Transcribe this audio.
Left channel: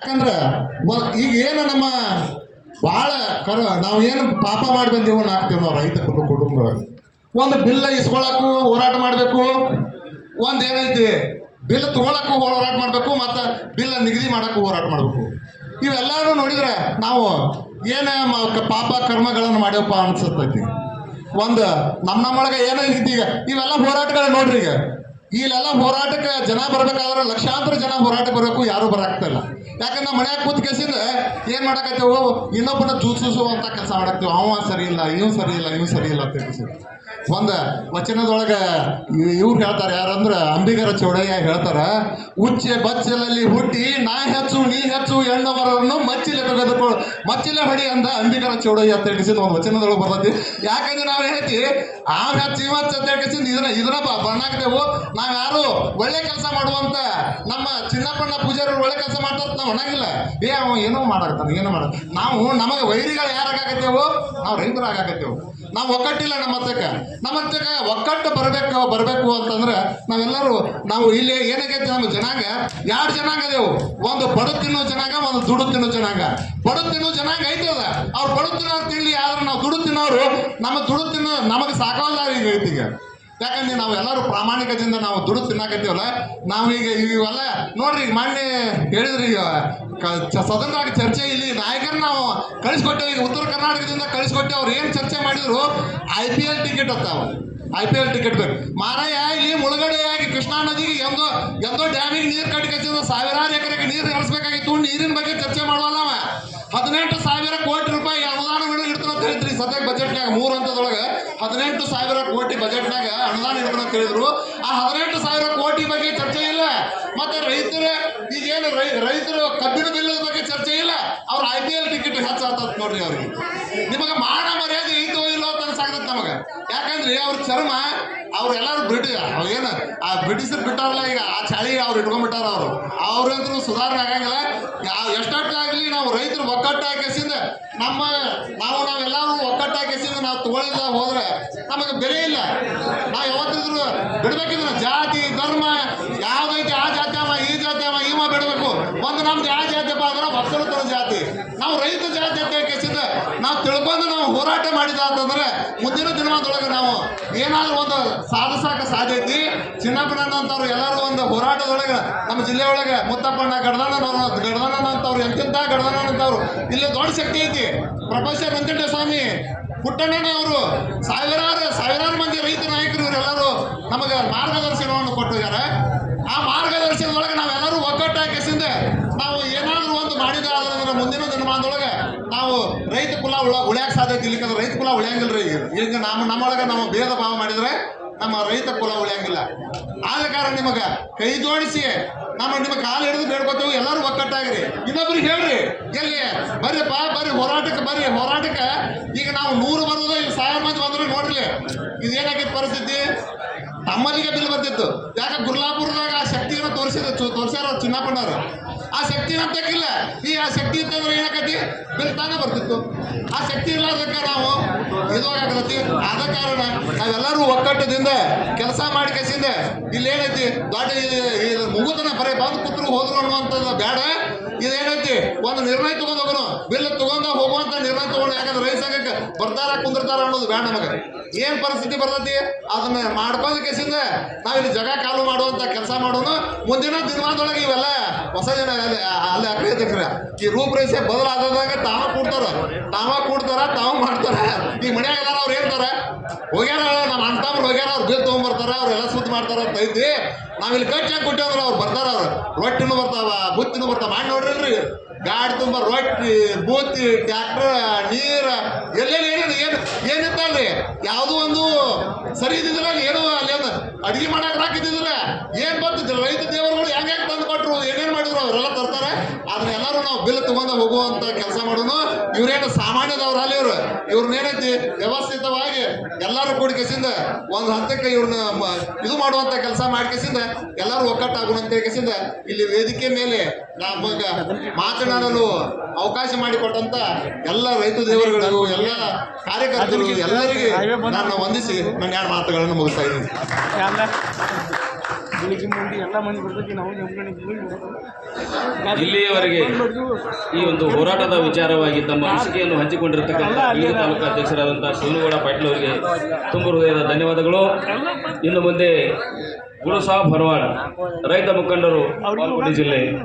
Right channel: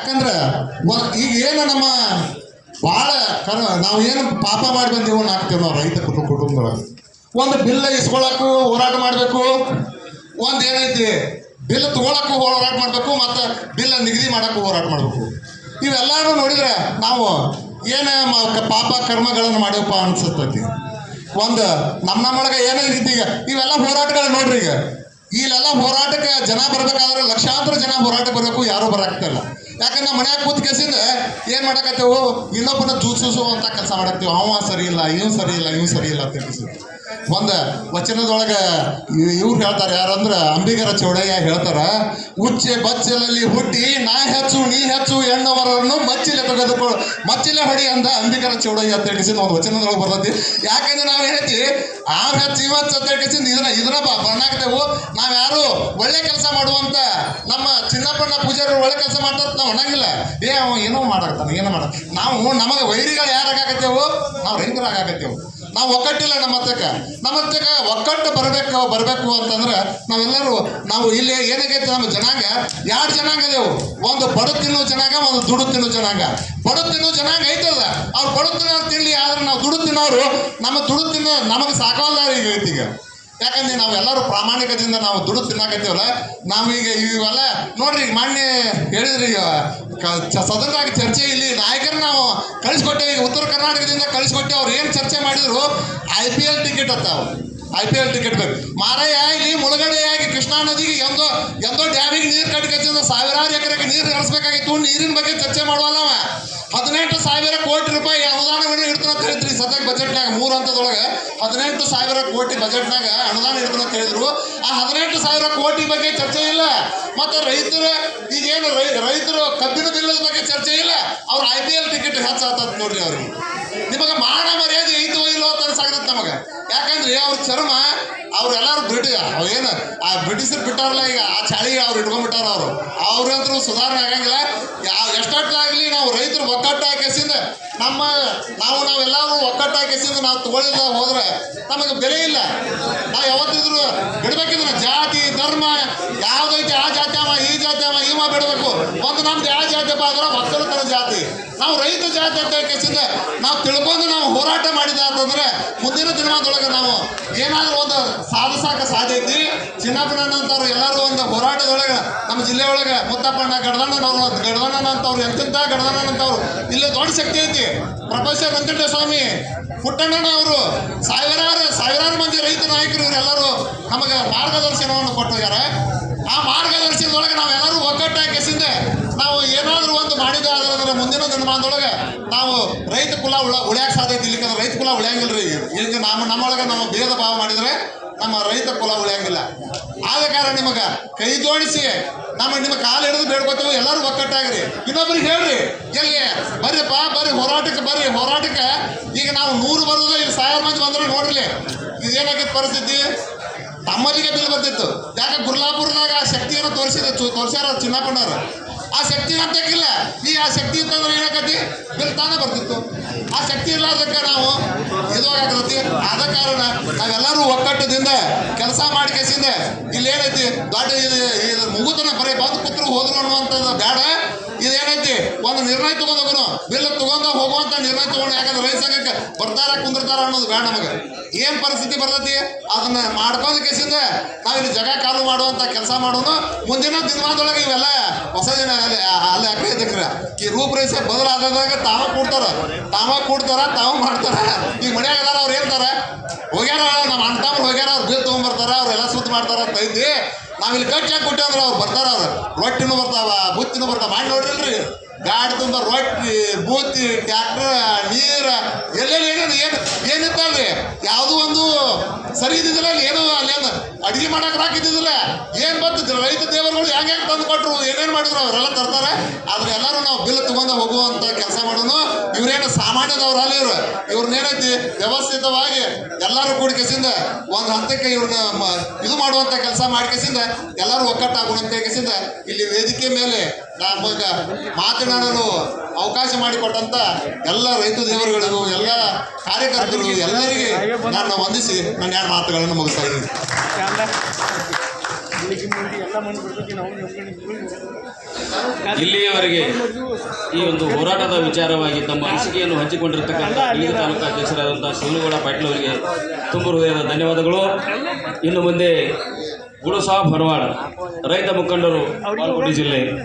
ಯಾಕಂದ್ರೆ ಈಗ ಏನು ನಮ್ಮ ಭಾಳ ನಾವೇನು ಪಾಪ ಮಾಡಿ ಬಂದೀವೋ ಹಾಕ್ತೇವೆ ನಾವು ರೈತ ಕುಟುಂಬದೊಳಗೆ. ಒಂದು ಬಿಲ್ ಇಸ್ಕೊಳಕ್ಕೂ ಹೋರಾಟ ಮಾಡಬೇಕು, ಒಂದು ಏನೈತಿ ಬಿಲ್ ತಗೊಳಕ್ಕೂ ಹೋರಾಟ ಮಾಡಬೇಕು, ಮತ್ತು ಬಿಲ್ ನಿಗದಿ ಮಾಡೋಕ್ಕೂ ಹೋರಾಟ ಮಾಡಬೇಕು. ಇವೆಲ್ಲರೂ ನೋಡಿದ್ರೆ ನಾವು ಏನೇ ಪಾಪ ಕರ್ಮಗಳನ್ನು ಮಾಡ್ಯಪ್ಪ ಅನ್ಸತೈತಿ. ಒಂದು ನಮ್ಮೊಳಗೆ ಏನೈತಿ ಈಗ ಇವೆಲ್ಲ ಹೋರಾಟಗಳು ನೋಡ್ರಿ. ಈಗ ಇಲ್ಲೆಲ್ಲ ಹೋರಾಟಕ್ಕೆ ಜನ ಬರ್ಬೇಕಾದ್ರೆ ಲಕ್ಷಾಂತರ ಜನ ಹೋರಾಟ ಬರಬೇಕು, ಯಾರೂ ಬರಾಕ್ತಿಲ್ಲ. ಯಾಕಂದ್ರೆ ನಾವು ಮನ್ಯಾಗ ಕೂತ್ ಕೇಸಿಂದ ಏನು ಮಾಡಕತ್ತೇವು, ಇನ್ನೊಬ್ಬನ ಜೂಸುವಂತ ಕೆಲಸ ಮಾಡಾಕ್ತೇವೆ. ಅವ ಸರಿ ಇಲ್ಲ, ಇವ್ ಸರಿ ಇಲ್ಲ, ಇವ್ ಸರಿ ಇಲ್ಲ ಅಂತ ಕೇಳಿಸಿ ಒಂದು ವಚನದೊಳಗೆ ಇವ್ರು ಹೇಳ್ತಾರೆ, ಯಾರಂದ್ರೆ ಅಂಬಿಗರ ಚೌಡಯ್ಯ ಹೇಳ್ತಾರ, ಉಚ್ಚೆ ಬಚ್ಚಲಲ್ಲಿ ಹುಟ್ಟಿ ನಾ ಹೆಚ್ಚು ನೀ ಹೆಚ್ಚು ಎಣ್ಣವರನ್ನು ಮಚ್ಚಿಲೆ ತೆಗೆದುಕೊಳ್ಳು ಮಚ್ಚಿಲೆ ಹೊಡಿ ಅಂದ ಅಂಬಿಗರ ಚೌಡಯ್ಯ ಅಂತ ಹೇಳಿಸಿದ ಒಂದು ವಚನದೊಳಗೆ ಬರ್ತೈತಿ. ಯಾಕಂದ್ರೆ ನಾವ್ ಏನೈತಿ ಆ ಹೆಚ್ಚು ಇವತ್ತು ಅಂತ ಹೇಳಿಸಿದ ಇದನ್ನ ಬಣ್ಣಾಕ್ತೇವು. ನಾವ್ ಯಾರು ಒಳ್ಳೆ ಕೆಲಸ ಮಾಡುವಂತ ನಮ್ಮ ಚಿನ್ನಪ್ಪನ ಪೂಜಾರಿ ಒಳ್ಳೆ ಕೆಲಸ ಮಾಡ್ತಾರ ನಾವು ಅನ್ನಂಗಿಲ್ಲ. ಅವ ಏನೋ ಮಾಡಾಕ್ತಾನೆ, ಏನೋ ಮಾಡ ನಾವು ನಮಗೆ ವೈರಿಗಳು ಯಾರಾಗತ್ತೇವು, ನಾವು ರೈತರಾಗತ್ತೇವು. ನಾವು ಒಕ್ಕಟ್ಟಿಲ್ಲ ನಮ್ಮ ಹತ್ತಕ್ಕೆ ಒಕ್ಕಟ್ಟು ಬರಬೇಕು ಅಂತಂದ್ರೆ ನಾವೆಲ್ಲರೂ ನಾವು ಇಲ್ಲಿ ಏನಾಗೈತಿ, ನಮ್ಮ ಜನಾಂಗ ಎರಡು ಜನಾಂಗ ಅದೇವು. ಒಂದು ಬಡ ತಿನ್ನೋ ಜನಾಂಗ, ಒಂದು ದುಡು ತಿನ್ನೋ ಜನಾಂಗ. ಬಡ ತಿನ್ನೋ ಜನಾಂಗ ಐತದ, ಅವ್ರು ಬಡ ತಿನ್ನೋರು ತಿನ್ಲಿ, ಆದ್ರೆ ನಾವು ದುಡು ತಿನ್ನೋರು ನಮಗೆ ಸಾಕವಲ್ಲ ಈಗ ಐತಿ. ಈಗ ಯಾಕಂದ್ರೆ ನಾವೆಲ್ಲರೂ ಪ್ರಾಮಾಣಿಕದಿಂದ ನಾವು ದುಡ್ಡು ತಿನ್ನಾಕತ್ತೀವಲ್ಲ. ನಾವೀಗ ಇವೆಲ್ಲ ನೋಡ್ರಿ, ಈಗ ಮಾನ್ಯ ಹೇಳಿದ್ರಿ, ಈಗ ಸದನದಾಗ ಚರ್ಚೆ ಇಲ್ಲಿ ನಾಯಕರು ನಾವು ಕಳಿಸ್ಕೊಟ್ಟೇವೆ. ಈಗ ಉತ್ತರ ಕರ್ನಾಟಕದಿಂದ ಕಳಿಸ್ಕೊಟ್ಟೆ. ಅವ್ರು ಏನು ಚರ್ಚೆ ಮಾಡಿದ್ರು, IPL ಟಿಕೆಟ್ ಅತ್ತಾವ, IPL ಟಿಕೆಟ್ ಬೇಕು ಮಾರಾಯ. ಇಲ್ಲಿ ಮುಳುಗಡೆಯಾಗಿ ಕೃಷ್ಣಾ ನದಿಗೆ ಎಂದೋ ಡ್ಯಾಮಿಗೆ ನೀರು ಕಟ್ಟಿ ಸಾವಿರಾರು ಎಕರೆಗೆ ನೀರು ಹರಿಸ್ಬೇಕಾಗಿತ್ತು. ನೀರಿನ ಬಗ್ಗೆ ಚರ್ಚೆ ಮಾಡುವಲ್ಲ. 18,000 ಕೋಟಿ ರೂಪಾಯಿ ಅನುದಾನಗಳು ಇಡ್ತಾನೆ ಅಂತ ಹೇಳಿದ್ರಿ ಸದ್ಯಕ್ಕೆ ಬಜೆಟ್ನಾಗ. 3 ಹಂತದೊಳಗೆ 18,000 ಕೋಟಿ ಬಜೆಟ್ನಾಗ ಅನುದಾನ ಇಡ್ತಾನೆ ಅಂತ ಹೇಳಿದ್ರು. ಆ 18,000 ಕೋಟಿ ಬಗ್ಗೆ ಚರ್ಚೆ ಇಲ್ಲ. ಮತ್ತೆ ಈಗೇನು ರೈತರು ಕಬ್ಬಿನ ಬಿಲ್ಲದ ಬಗ್ಗೆ ಚರ್ಚೆ ಇಲ್ಲ. ಅವ್ರ IPL ಟಿಕೆಟ್ ಹೆಚ್ಚಾಗ್ತದ ನೋಡ್ರಿ. ಅವ್ರಿಗೆ ನಿಮಗೆ ಮಾನ ಮರ್ಯಾದೆ ಐತೋ ಇಲ್ಲೋ ಅಂತ ಅನ್ಸಾಗ್ತದೆ ನಮಗೆ. ಯಾಕಂದ್ರೆ ಅವ್ರ ಚರ್ಮ ಅವ್ರೆಲ್ಲರೂ ಏನು ಆ ಬ್ರಿಟಿಷರು ಬಿಟ್ಟಾರಲ್ಲ, ಈಗ ಆ ಚಾಳಿಗೆ ಅವ್ರು ಇಟ್ಕೊಂಡ್ಬಿಟ್ಟಾರ. ಅವ್ರಂದ್ರೂ ಸುಧಾರಣೆ ಆಗಂಗಿಲ್ಲ. ಎಷ್ಟಾಗ್ಲಿ ನಾವು ರೈತರು ಒಕ್ಕಟ್ಟು ಹಾಕಿಸಿಂದ ನಾವೆಲ್ಲರೂ ಒಕ್ಕಟ್ಟು ಹಾಕಿಸಿಂದ ನಾವು ತಗೊಳ್ಳಿಲ್ಲ ಹೋದ್ರೆ ನಮಗೆ ಬೆಲೆ ಇಲ್ಲ. ನಾವು ಯಾವತ್ತಿದ್ರು ಬಿಡ್ಬೇಕಿದ್ರೆ ಜಾತಿ ಧರ್ಮ ಯಾವ್ದೈತೆ ಆ ಜಾತಿ ಈ ಜಾತಿ ಇವ ಬಿಡಬೇಕು. ಒಂದು ನಮ್ದು ಯಾವ ಜಾತಿಯಪ್ಪ ಅಂದ್ರೆ ಒಕ್ಕಲತನ ಜಾತಿ. ನಾವು ರೈತ ಜಾತಿ ಅಂತ ಕೇಸಿಂದ ನಾವು ತಿಳ್ಕೊಂಡು ನಾವು ಹೋರಾಟ ಮಾಡಿದ ಅಂತಂದ್ರೆ ಮುಂದಿನ ದಿನಮಾನದೊಳಗೆ ನಾವು ಏನಾದ್ರೂ ಒಂದು ಸಾಧಿಸಾಕ ಸಾಧ್ಯ ಐತಿ. ಚಿನ್ನಪ್ಪನಂತವ್ರು ಎಲ್ಲರೂ ಒಂದು ಹೋರಾಟದೊಳಗೆ ನಮ್ಮ ಜಿಲ್ಲೆ ಒಳಗೆ ಮುತ್ತಪ್ಪಣ್ಣ ಗಡದಣ್ಣನಂತವ್ರು ಎಂತೆಂತ ಗಡದಣ್ಣನಂತವ್ರು ಇಲ್ಲಿ ದೊಡ್ಡ ಶಕ್ತಿ ಐತಿ. ಪ್ರೊಫೆಸರ್ ವೆಂಕಟೇಶ ಸ್ವಾಮಿ ಪುಟ್ಟಣ್ಣನ ಅವರು ಸಾವಿರಾರು ಮಂದಿ ರೈತ ನಾಯಕರು ಇವರೆಲ್ಲರೂ ನಮಗೆ ಮಾರ್ಗದರ್ಶನವನ್ನು ಕೊಟ್ಟಿದ್ದಾರೆ. ಆ ಮಾರ್ಗದರ್ಶನದೊಳಗೆ ನಾವೆಲ್ಲರೂ ಒಗ್ಗಟ್ಟಾಗಿಸಿಂದ ನಾವು ಏನಾದರೂ ಒಂದು ಮಾಡಿದ್ರೆ ಮುಂದಿನ ದಿನಮಾನದೊಳಗೆ ನಾವು ರೈತ ಕುಲ ಉಳಿಯಕ್ಕೆ ಸಾಧ್ಯತೆ. ಇಲ್ಲಿಕಂದ್ರೆ ರೈತ ಕುಲ ಉಳಿಯಂಗಿಲ್ರಿ. ಈಗ ನಮ್ಮೊಳಗೆ ನಾವು ಭೇದ ಭಾವ ಮಾಡಿದ್ರೆ ನಮ್ಮ ರೈತ ಕುಲ ಉಳಿಯಂಗಿಲ್ಲ. ಆದ ಕಾರಣ ನಿಮಗೆ ಕೈ ಜೋಡಿಸಿ ನಿಮ್ಮ ಕಾಲು ಹಿಡಿದು ಬೇಡ್ಕೋತೇವೆ, ಎಲ್ಲರೂ ಒಕ್ಕಟ್ಟಾಗ್ರಿ. ಇನ್ನೊಬ್ರಿಗೆ ಹೇಳ್ರಿ, ಎಲ್ಲಿ ಬರ್ರಿಪ್ಪ ಬರ್ರಿ ಹೋರಾಟಕ್ಕೆ ಈಗ ನಾವು 100 ಬರೋದು, ಈಗ 1000 ಮಂದಿ ಬಂದ್ರೆ ನೋಡ್ರಿ ಇದೇನಾಗಿತ್ತು ಪರಿಸ್ಥಿತಿ. ತಮ್ಮಲ್ಲಿಗೆ ಬಿಲ್ ಬರ್ತಿತ್ತು. ಯಾಕೆ ಗುರ್ಲಾಪುರದಾಗ ಆ ಶಕ್ತಿಯನ್ನು ತೋರಿಸ್ಯಾರ ಚಿನ್ನಪ್ಪಣ್ಣವ್ರು. ಆ ಶಕ್ತಿ ಅಂತಕ್ಕಿಲ್ಲ. ಈ ಆ ಶಕ್ತಿ ಇತ್ತಂದ್ರೆ ಏನಾಕತಿ, ಬಿಲ್ ತಾನೇ ಬರ್ತಿತ್ತು. ಆ ಶಕ್ತಿ ಇಲ್ಲದಕ್ಕೆ ನಾವು ಇದಾಗತೈತಿ. ಆದ ಕಾರಣ ನಾವೆಲ್ಲರೂ ಒಕ್ಕಟ್ಟದಿಂದ ಕೆಲಸ ಮಾಡಿ ಕಸಿಂದ ಇಲ್ಲೇನೈತಿ ದೊಡ್ಡ ಇದು ಮುಗುತನ ಬರೀ ಬಂದು ಕೂತ್ರು ಹೋದ್ರು ಅನ್ನುವಂಥದ್ದು ಬೇಡ. ಇದೇನೈತಿ ಒಂದು ನಿರ್ಣಯ ತಗೊಂಡು ಹೋಗೋಣ, ಬಿಲ್ ತಗೊಂಡು ಹೋಗುವಂತ ನಿರ್ಣಯ ತಗೊಂಡು. ಯಾಕಂದ್ರೆ ರೈತ ಸಂಘಕ್ಕೆ ಬರ್ತಾರ ಕುಂದಿರ್ತಾರ ಅನ್ನೋದು ಬೇಡ. ನಮಗೆ ಏನು ಪರಿಸ್ಥಿತಿ ಬರ್ತೈತಿ ಅದನ್ನ ಮಾಡ್ಕೊಂಡು ಕೇಸಿಂದ ನಾವಿಲ್ಲಿ ಜಗ ಕಾಲು ಮಾಡುವಂತ ಕೆಲಸ ಮಾಡೋದು. ಮುಂದಿನ ದಿನಮಾನದೊಳಗೆ ಇವೆಲ್ಲ ಹೊಸ ಜನ ಅಲ್ಲಿ ಹಾಕಿದ್ರೆ ಈ ರೂಪರೇಷೆ ಬದಲಾದಾಗ ತಾವು ಕೂಡ್ತಾರ ತಾವು ಮಾಡ್ತಾರ. ಈಗ ಮನ್ಯಾಗ ಅದಾರ ಅವ್ರು ಹೇಳ್ತಾರೆ, ಹೋಗ್ಯಾರ ನಮ್ಮ ಅಣ್ಣ ಹೋಗ್ಯಾರ, ಅವ್ರು ಬಿಲ್ ತೊಗೊಂಡ್ಬರ್ತಾರ, ಅವ್ರೆಲ್ಲ ಸುದ್ದಿ ಮಾಡ್ತಾರ ಅಂತ ಐತಿ. ನಾವಿಲ್ಲಿ ಗಟ್ಟಿಯಾಗಿ ಕೊಟ್ಟೆ ಅಂದ್ರೆ ಅವ್ರು ಬರ್ತಾರ. ಅವ್ರು ರೊಟ್ಟಿನೂ ಬರ್ತಾವ, ಬುತ್ತಿನೂ ಬರ್ತಾವ. ಮಾಡಿ ನೋಡ್ರಿ, ಗಾಡಿ ತುಂಬ ರೊಟ್ಟಿ, ಬೂತಿ, ಟ್ಯಾಕ್ಟರ್, ನೀರು ಎಲ್ಲೆಲ್ಲಿ ಏನಿತ್ತಲ್ರಿ ಯಾವುದೂ ಒಂದು ಸರಿ ಇದ್ದಿದ್ದಿಲ್ಲ. ಏನೋ ಅಲ್ಲಿ ಅಡುಗೆ ಮಾಡಕ್ಕೆ ಹಾಕಿದ್ದಿದ್ದಿಲ್ಲ. ಏನು ಬರ್ತಿದ್ದಿಲ್ಲ. ರೈತ ದೇವರುಗಳು ಹೆಂಗೆ ತಂದು ಕೊಟ್ಟರು, ಏನೇನು ಮಾಡಿದ್ರು ಅವರೆಲ್ಲ ತರ್ತಾರೆ. ಆದ್ರೆ ಎಲ್ಲರೂ ನಾವು ಬಿಲ್ ತಗೊಂಡು ಹೋಗುವಂಥ ಕೆಲಸ ಮಾಡೋನು. ಇವ್ರೇನು ಸಾಮಾನ್ಯದವ್ರು ಅಲ್ಲಿ ಇವ್ರನ್ನೇನೈತಿ ವ್ಯವಸ್ಥಿತವಾಗಿ ಎಲ್ಲರೂ ಕೂಡಿ ಕೆಸಿಂದ ಒಂದು ಹಂತಕ್ಕೆ ಇವ್ರನ್ನ ಇದು ಮಾಡುವಂಥ ಕೆಲಸ ಮಾಡಿ ಕೆಸಿಂದ ಎಲ್ಲರೂ ಒಕ್ಕಟ್ಟಾಗುವಂತ ಕೆಸಿಂದ ಇಲ್ಲಿ ವೇದಿಕೆ ಮೇಲೆ ನಮಗೆ ಮಾತನಾಡಲು ಅವಕಾಶ ಮಾಡಿಕೊಟ್ಟಂತ ಎಲ್ಲ ರೈತ ದೇವರುಗಳಿಗೂ ಎಲ್ಲ ಕಾರ್ಯಕರ್ತರು ಎಲ್ಲರಿಗೆ ನಾನು ವಂದಿಸಿ ನನ್ನ 2 ಮಾತುಗಳನ್ನು ಮುಗಿಸ್ತಾ ಇದ್ದೀನಿ. ಇಲ್ಲಿಯವರೆಗೆ ಈ ಒಂದು ಹೋರಾಟದ ವಿಚಾರವಾಗಿ ತಮ್ಮ ಅನಿಸಿಕೆಯನ್ನು ಹಂಚಿಕೊಂಡಿರತಕ್ಕಂಥ ಅಲ್ಲಿಗೆ ತಾಲೂಕು ಅಧ್ಯಕ್ಷರಾದಂಥ ಶಿವನಗೌಡ ಪಾಟೀಲ್ ಅವರಿಗೆ ತುಂಬ ಹೃದಯದ ಧನ್ಯವಾದಗಳು. ಇನ್ನು ಮುಂದೆ ಗುರುಸಾಬ್ ಹರವಾಡ ರೈತ ಮುಖಂಡರು ಬಾಗಲಕೋಟೆ ಜಿಲ್ಲೆ